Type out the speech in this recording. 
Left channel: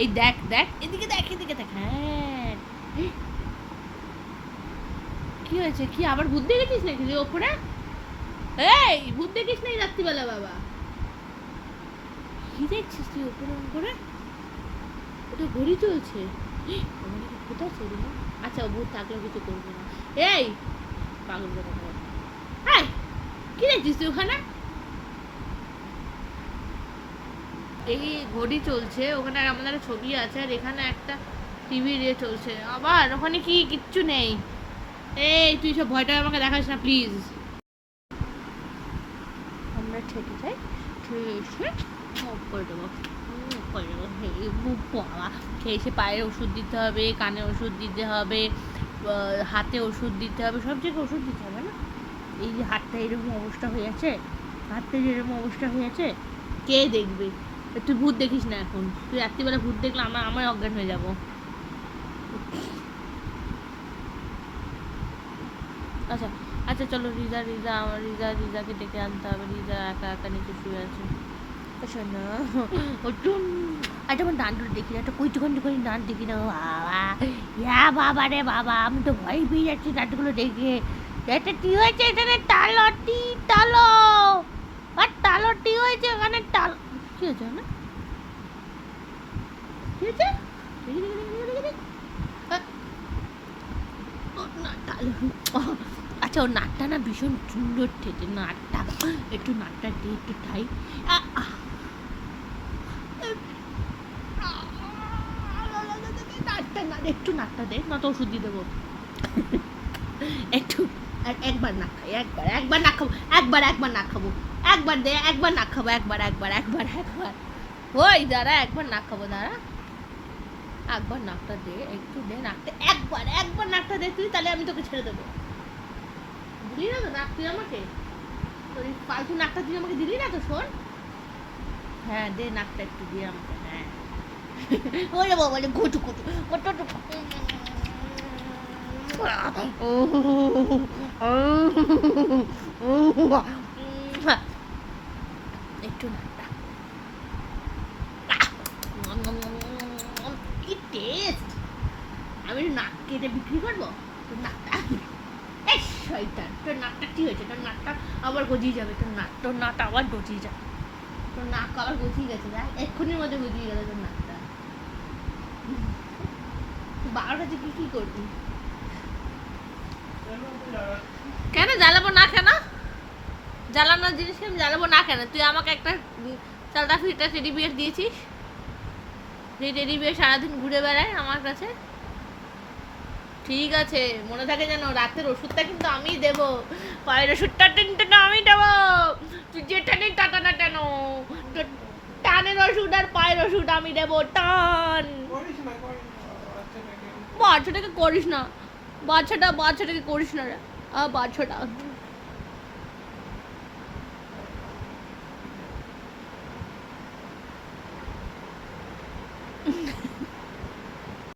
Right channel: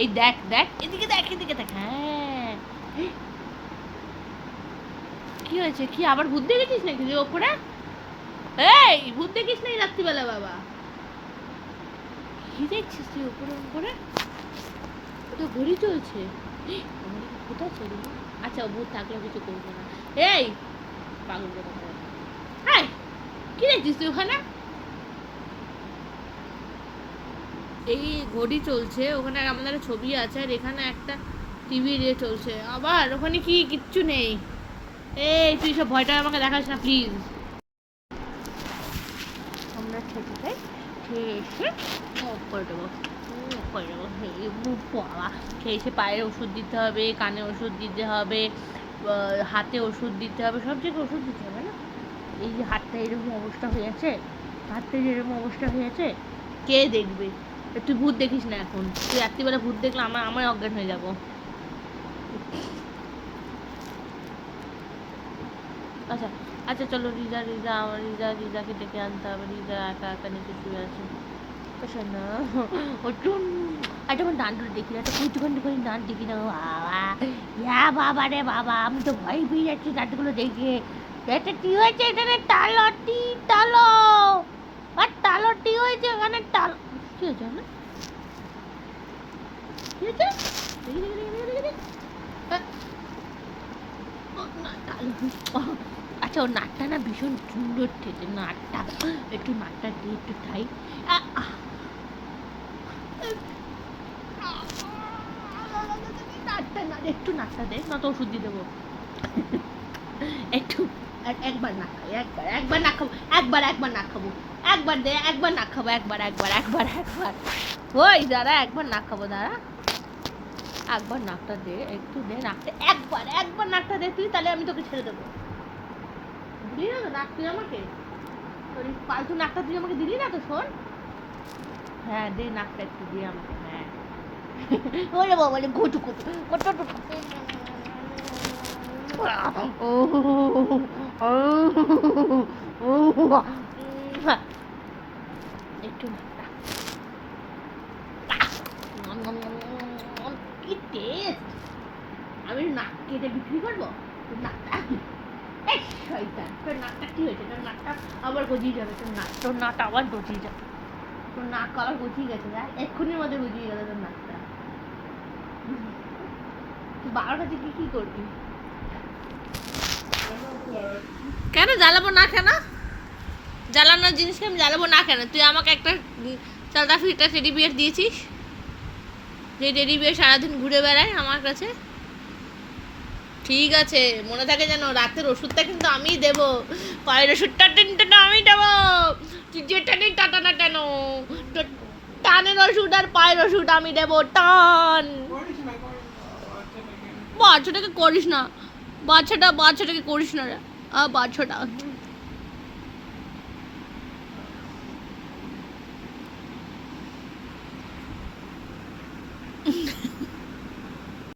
এই দেখ দেখ, এদিকে দেখ, এদিকে দেখ। হ্যাঁ, কি হয়েছে? কি আবার ভূত দেখেছিস নাকি যে ওপরে? এই ভূত দেখিস নাই রাত্রিবেলা বাবা? কি দেখছিস তুই ওপরে ওপরে? ওটা ঘড়ি চলছে। আমাদের কোথাও চলি না। আচ্ছা, ও ভূত থাকলেও কিছু করবে না। এই পাগল কথা বলে। হাই, কি দেখছিস তুই ওখানে? এই ঘড়ি চলছে, ওখানে আমাদের ছবি আছে, আর এখানে একটা টিভি রে চলছে। আবার ওখানে কি কিচ্ছু নেই। এই তুই সব ভয়টা আমাকে দেখাস না প্লিজ। আমরা ঠেকে যাই, ঠেকে করে দেবো, করে দেবো। বাবা, এসে পায়ের ওষুধ দিতে হবে, কানে ওষুধ দিতে হবে, হাতে ওষুধ দিতে হবে, সব জায়গায় ওষুধ দিতে হবে না? এই যে হাতটা এরকম অবস্থা হয়ে আছে, হাতটা যেরকম অবস্থা হয়ে আছে, কে দেখবে? তুই ভূত দেখিস না এখন। তুই রাত্রিবেলা ভূত দেখলে আমার অজ্ঞান হয়ে যাবো। আচ্ছা আচ্ছা, চলো রিজাকে ডেকে আনতে হবে। রিজা একা একা নিচে শুয়ে আছে। শোনো, একটু আমার ডান্ডুর দেখি না, একটা কুচুকান্তি করে ডান্ড দেখি না। বাবা, বাবা রে বাবা, আমি তো ভয় পেয়ে যাচ্ছি ডান্ডগুলো দেখে। এটা কি হয়েছে এখানে? টালটি টালো, আর টালটি হয়েছে এখানে। টাল কি হয়েছে না? কি হয়েছে? আচ্ছা, ওর নাকটা না ভীষণ সুন্দর থেকে, নাকটা একটু, নাকটা দিয়ে একটু ঠাই। নাকটা না, একটু নাকটা দে, না তো ওষুধ দিয়ে দেবো। একটু, একবার নাক খাই, একবার নাক খাবো, একবার নাক খাবো, একবার দে, একবার নাক খাবো, একবার ওই দাঁড়া, একবার নাক খাবো, দাঁড়া, একবার নাকটা দে, একটু দে নাকটা, একবার নাকটা দে তুই, তাহলে আমি তোকে ছেড়ে দেবো। দিলি না তো নাক তুই আমাকে? তোর ফালতু নাকটা তুই আমাকে দিলি না তো, শোন। হ্যাঁ, দে নাকটা একটু দিয়ে আমাকে। হ্যাঁ, ওরে বাবা রে, ঘুটু ঘুটু ঘুটু একটু নাকটা, কি টেস্ট! আমি নাক কেটে বিক্রি করবো তোর নাকটা? এই শয়তান, তোর নাকটা কি হয়েছে? তোর নাকটা আবার গজিয়ে যাবে, তোর নাকটা আবার গজিয়ে যাবে, তোর নাক আবার গজিয়ে গেছে, দেখ এক্ষুনির মধ্যে গজিয়ে গেল তোর নাকটা। 12টা থেকে কি করবি? কেন জ্বালাবো না? কেন জ্বালানোর জিনিসকে আমি জ্বালাবো না কেন? তুই আমাকে একটা চালতা ফিরটা টেডি বিয়ার দিয়েছিস, যে টেডি বিয়ার সারাদিন ঘুরে বেড়ায় আমার কাছে। ঠিক আছে, মনে থাকে যেন, রাতের ওষুধটা কিন্তু আমিই দেবো, পায়ের ওষুধটা টেনটা আমি দেবো। তুই যেটা নেই টাটা না কেন, টানের ওষুধ আর পায়ের ওষুধ আমি দেবো। টান, বাচ্চাটাকে করিস না, বাচ্চাটাকে করিস না রে, বাচ্চাটা